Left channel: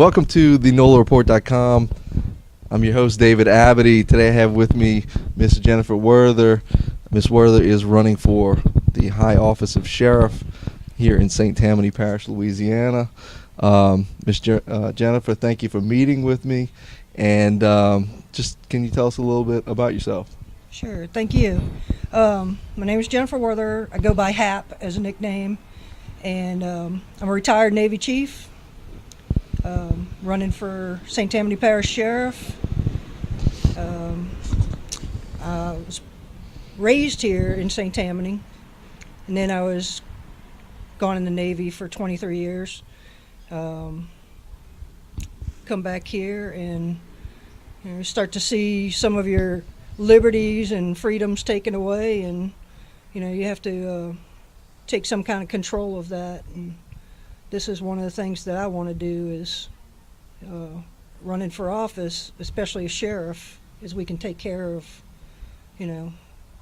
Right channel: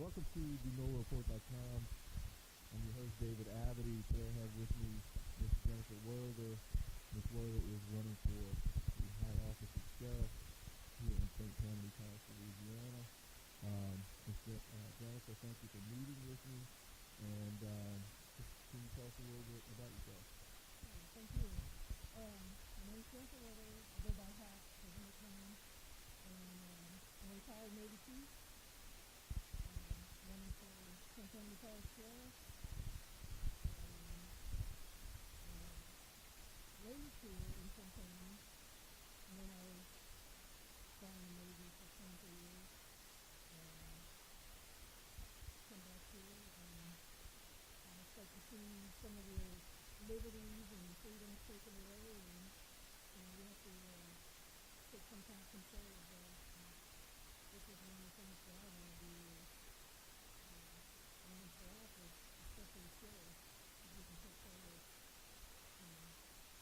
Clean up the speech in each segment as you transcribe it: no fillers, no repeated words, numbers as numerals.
Welcome to the NOLAReport.com. I'm your host, David Abity. Today I have with me Miss Jennifer Werther. Miss Werther is running for the high office of sheriff here in St Tammany Parish, Louisiana. Miss Jennifer, thank you for meeting with me. And just can you tell us a little bit about yourself? Sure, thank you. My name is Jennifer Werther. I go by HAP as a nickname, and I'm a retired Navy chief, running for St Tammany Parish Sheriff. I was raised here in St Tammany, and then I was gone in the Navy for 23 years. Come back here and start to see some of your liberties and freedoms taken away, and you have to take some kind of control of that. And this is one of the things that I want to do is running for office, especially as sheriff, is we can take care of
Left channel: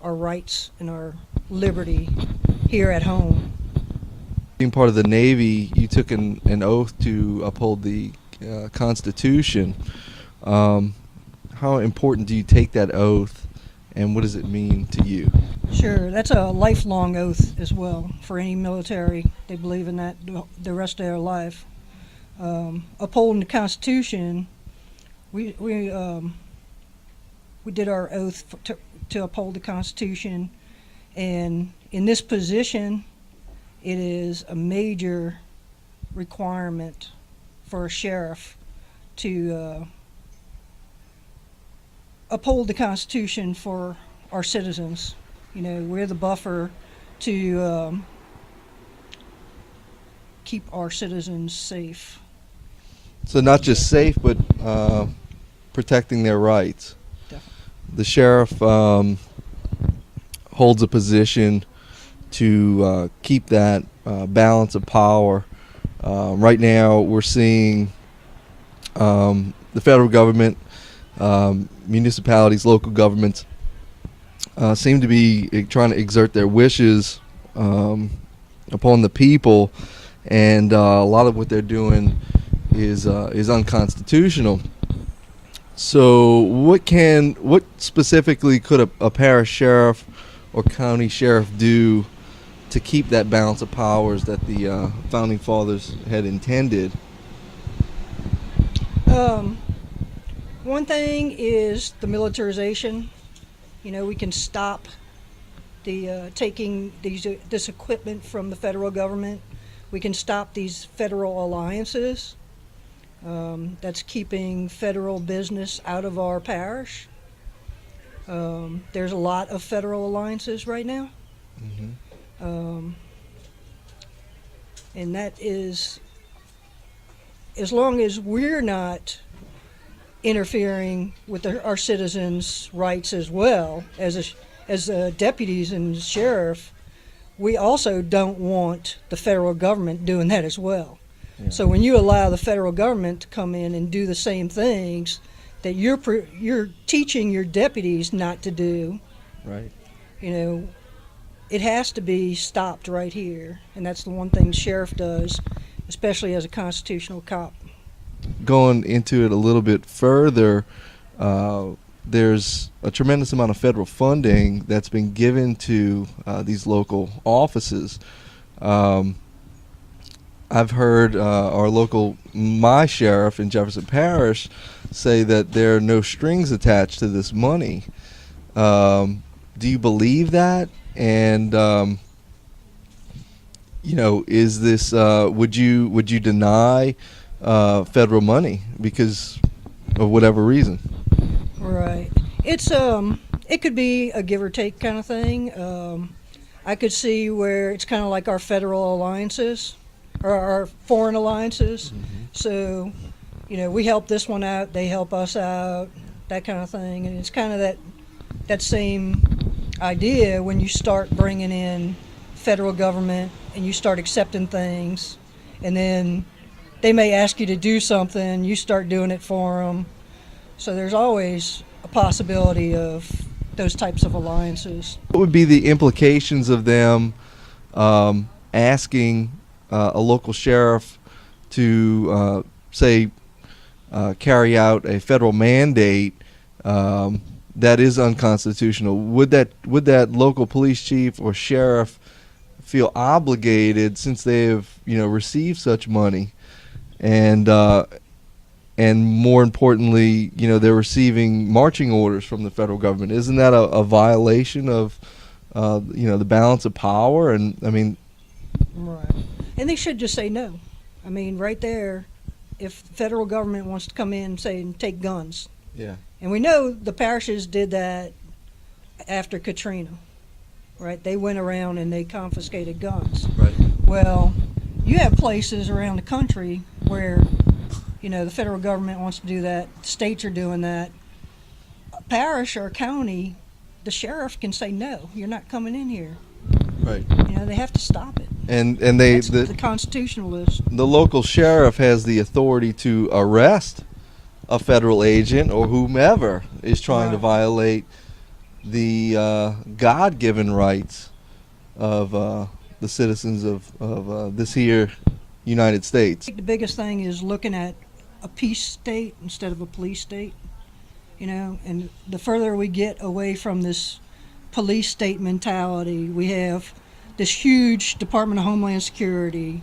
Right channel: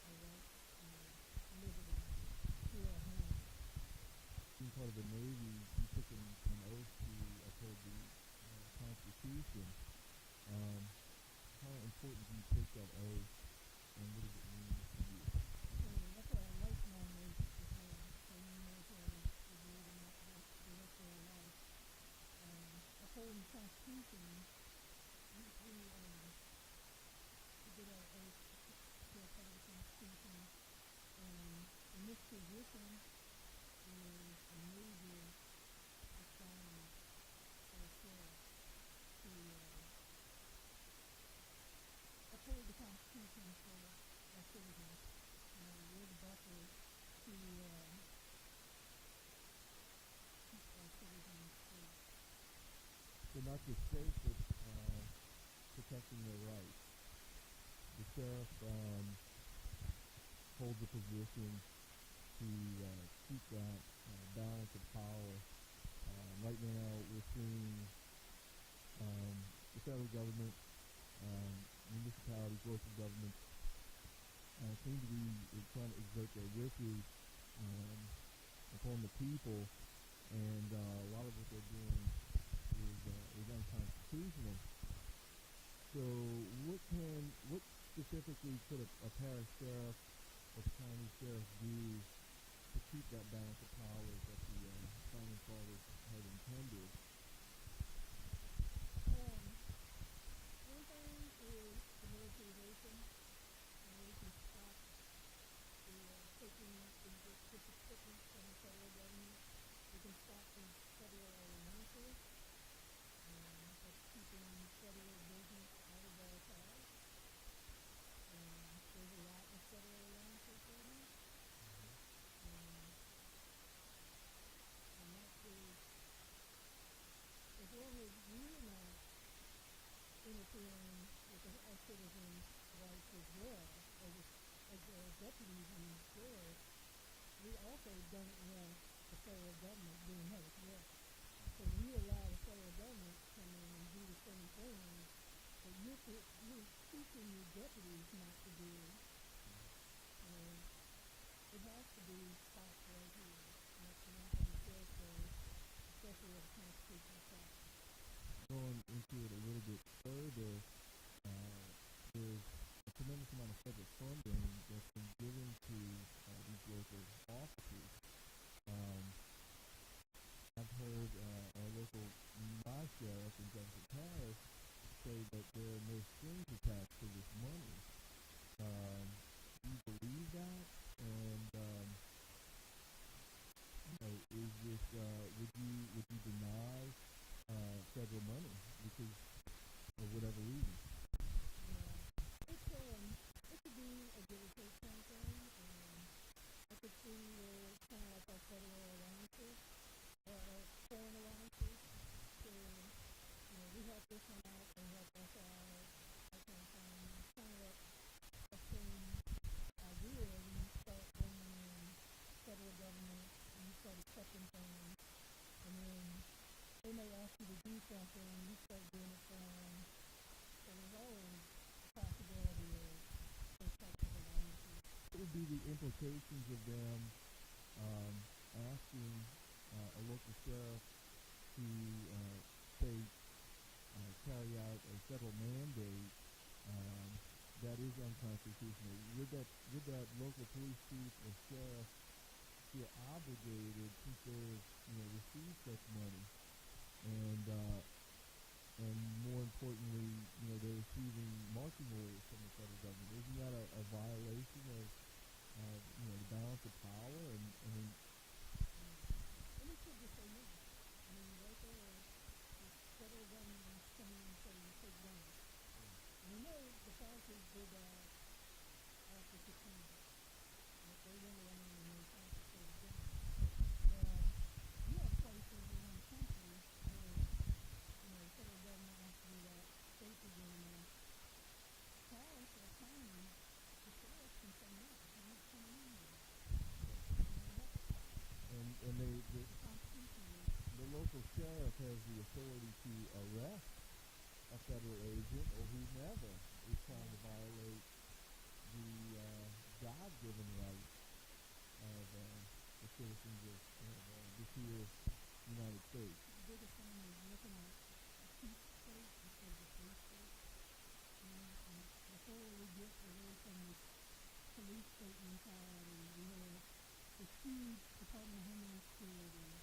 our rights and our liberty here at home. Being part of the Navy, you took an oath to uphold the Constitution. How important do you take that oath, and what does it mean to you? Sure, that's a lifelong oath as well for any military. They believe in that the rest of their life. Upholding the Constitution, we did our oath to uphold the Constitution, and in this position, it is a major requirement for a sheriff to uphold the Constitution for our citizens. We're the buffer to keep our citizens safe. So not just safe, but protecting their rights. Definitely. The sheriff holds a position to keep that balance of power. Right now we're seeing the federal government, municipalities, local governments seem to be trying to exert their wishes upon the people, and a lot of what they're doing is unconstitutional. So what specifically could a parish sheriff or county sheriff do to keep that balance of powers that the founding fathers had intended? One thing is the militarization. We can stop the taking this equipment from the federal government. We can stop these federal alliances. That's keeping federal business out of our parish. There's a lot of federal alliances right now. Mm-hmm. And that is, as long as we're not interfering with our citizens' rights as well as deputies and sheriff, we also don't want the federal government doing that as well. Yeah. So when you allow the federal government to come in and do the same things that you're teaching your deputies not to do, right? It has to be stopped right here, and that's the one thing the sheriff does, especially as a constitutional cop. Going into it a little bit further, there's a tremendous amount of federal funding that's been given to these local offices. I've heard my sheriff in Jefferson Parish say that there are no strings attached to this money. Do you believe that? And is this would you deny federal money because of whatever reason? Right. It's it could be a give or take kind of thing. I could see where it's kind of like our federal alliances or our foreign alliances. Mm-hmm. So, we help this one out, they help us out, that kind of thing. And it's kind of that same idea when you start bringing in federal government and you start accepting things, and then they may ask you to do something, you start doing it for them. So there's always a possibility of those types of alliances. What would be the implications of them asking a local sheriff to say carry out a federal mandate that is unconstitutional, would that local police chief or sheriff feel obligated, since they have received such money, and more importantly, they're receiving marching orders from the federal government? Isn't that a violation of the balance of power? And I mean, Right. And they should just say no. I mean, right there, if the federal government wants to come in and say and take guns, yeah, and we know the parishes did that after Katrina, right? They went around and they confiscated guns. right, Well, you have places around the country where, the federal government wants to do that, states are doing that. A parish or a county, the sheriff can say, no, you're not coming in here. right. They have to stop it. And That's the constitutionalist. the local sheriff has the authority to arrest a federal agent or whomever is trying to Right. violate the God-given rights of the citizens of this here United States. I think the biggest thing is looking at a peace state instead of a police state, and the further we get away from this police state mentality, we have this huge Department of Homeland Security,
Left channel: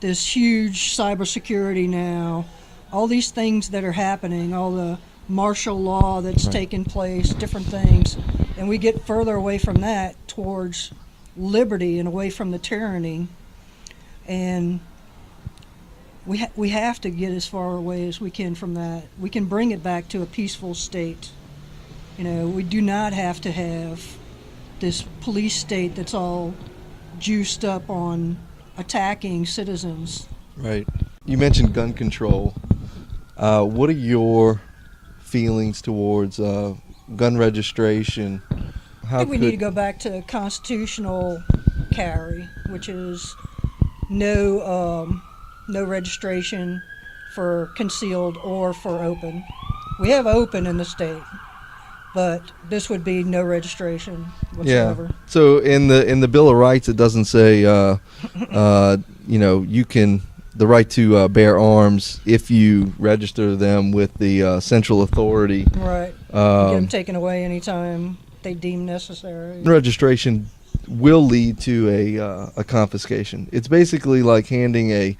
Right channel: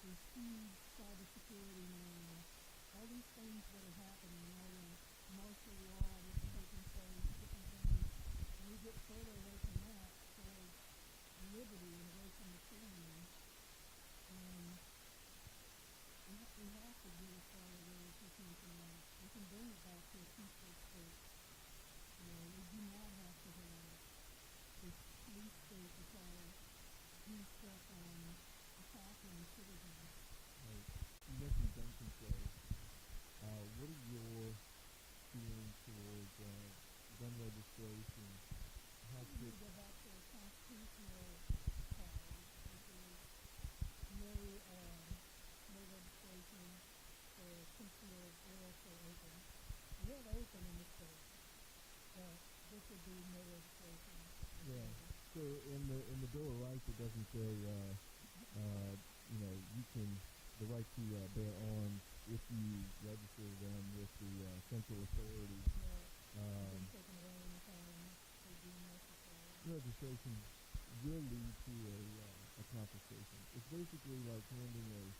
this huge cybersecurity now, all these things that are happening, all the martial law that's Right. taking place, different things, and we get further away from that towards liberty and away from the tyranny, and we have to get as far away as we can from that. We can bring it back to a peaceful state. We do not have to have this police state that's all juiced up on attacking citizens. Right. You mentioned gun control. What are your feelings towards gun registration? I think we need to go back to constitutional carry, which is no registration for concealed or for open. We have open in the state, but this would be no registration whatsoever. Yeah. So in the Bill of Rights, it doesn't say you can the right to bear arms if you register them with the central authority. Right. Get them taken away anytime they deem necessary. Registration will lead to a confiscation. It's basically like handing a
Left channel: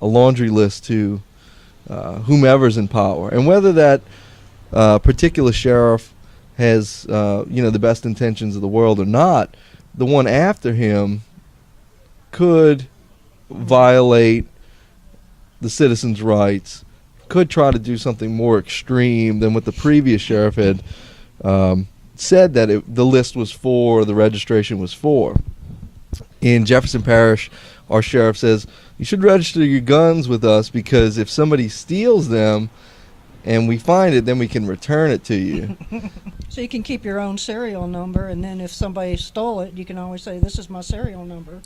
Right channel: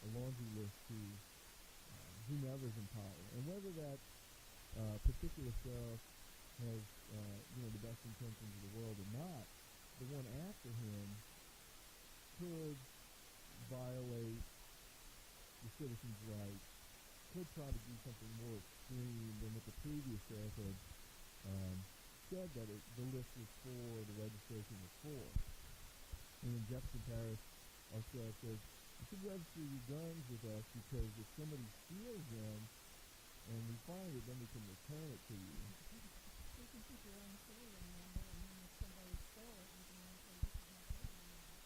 laundry list to whomever's in power, and whether that particular sheriff has the best intentions of the world or not, the one after him could violate the citizens' rights, could try to do something more extreme than what the previous sheriff had said that the list was for, the registration was for. In Jefferson Parish, our sheriff says, you should register your guns with us, because if somebody steals them and we find it, then we can return it to you. So you can keep your own serial number, and then if somebody stole it, you can always say, this is my serial number.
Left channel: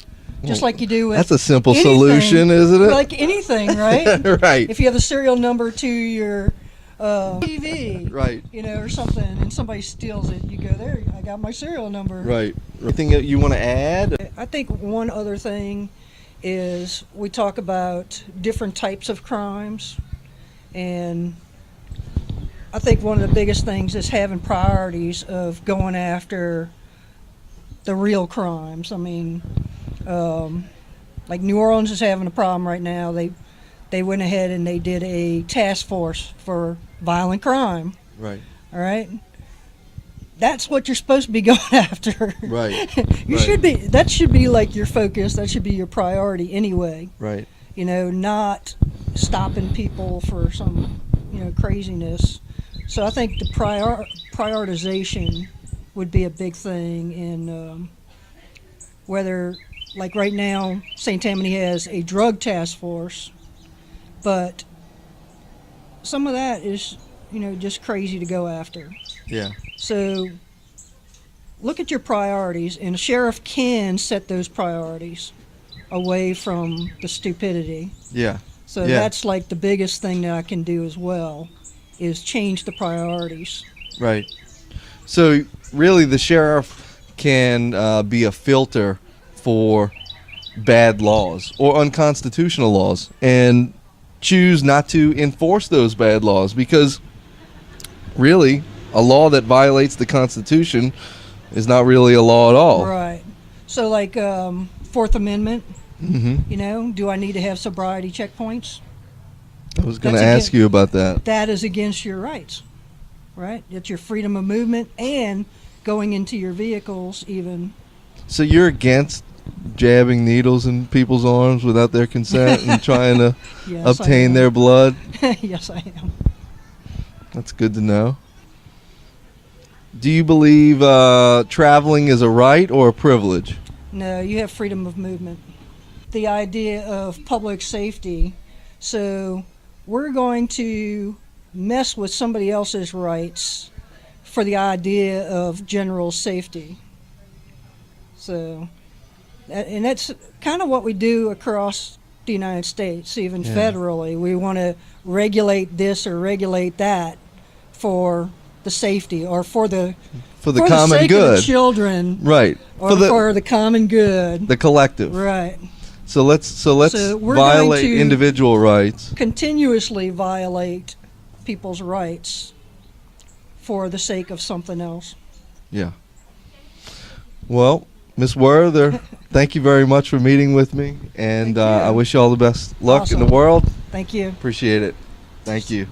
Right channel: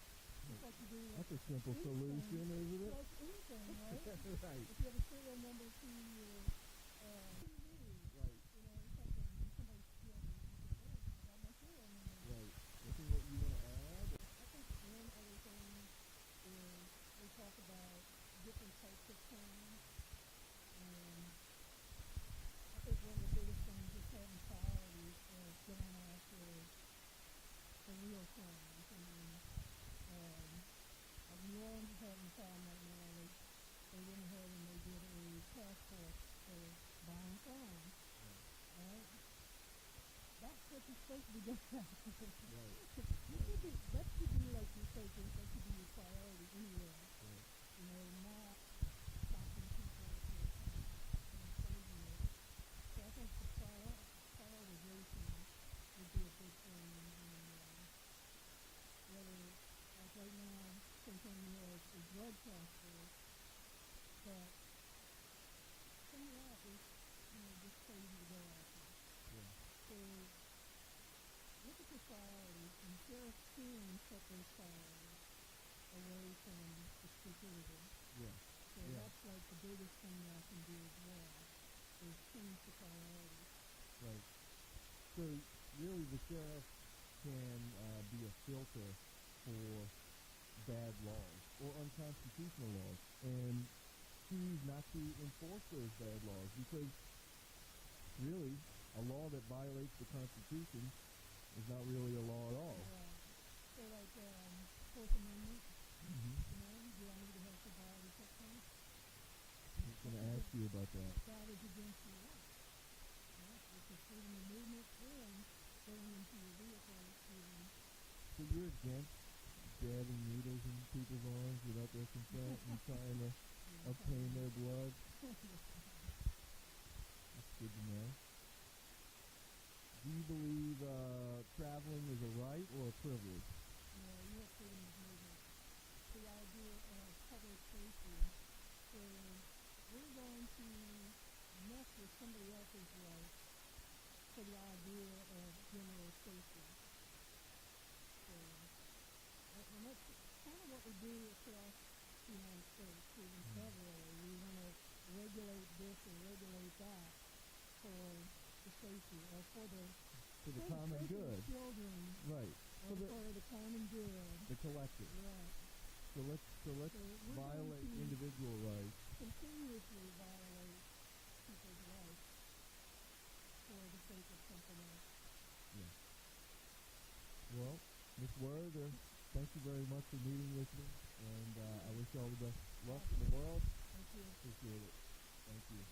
Just like you do with That's a simple anything, solution, isn't it? Like anything, right? Right. If you have the serial number to your TV, Right. or something, and somebody steals it, you go there, I got my serial number. Right. Anything that you want to add? I think one other thing is we talk about different types of crimes, and I think one of the biggest things is having priorities of going after the real crimes. I mean, like New Orleans is having a problem right now. They went ahead and they did a task force for violent crime. Right. All right. That's what you're supposed to be going after. Right. You Right. should be. That should be like your focus. That should be your priority anyway. Right. Not stopping people for some, craziness. So I think the prioritization would be a big thing in whether, like right now, St. Tammany has a drug task force, but some of that is, just crazy to go after. Yeah. So look at your priorities, and a sheriff can set those priorities away from the stupidity. Yeah. So Yeah. that's like the biggest thing that I can do as well, is change the priorities. Right. So really, the sheriff can be a filter for bad laws or unconstitutional laws, and choose not to enforce those bad laws, because really a law that violates the Constitution is not really a law at all. Right. So like Fourth Amendment, Hmm. you know, do I need to have sobriety checkpoints? I was going to That's ask you about that. That is against your rights, right? It's your freedom of movement and going into your vehicles even. So you're against jabbing needles in people's arms without their consent and trying to Yes, I obtain am. their blood? Yes, I am. That's good to know. Do you believe traveling is a right or a privilege? No, you have freedom of movement. The idea of public safety. So we're going to mess with somebody else's rights for the idea of general safety. So, and that's kind of what we do across the United States, even Yeah. federally. We want to regulate this or regulate that for the safety or for the For the for common the sake good. of the children, Right. or For for the common good. the collective. Right. So let's So we're going violate to- individual rights. Continuously violate people's rights for the sake of something else. Yeah. Well, Miss Werther, thank you very much for meeting with me, and Thank you. I wish you all the best luck in the Awesome. world. Thank you. Appreciate it. Thank you.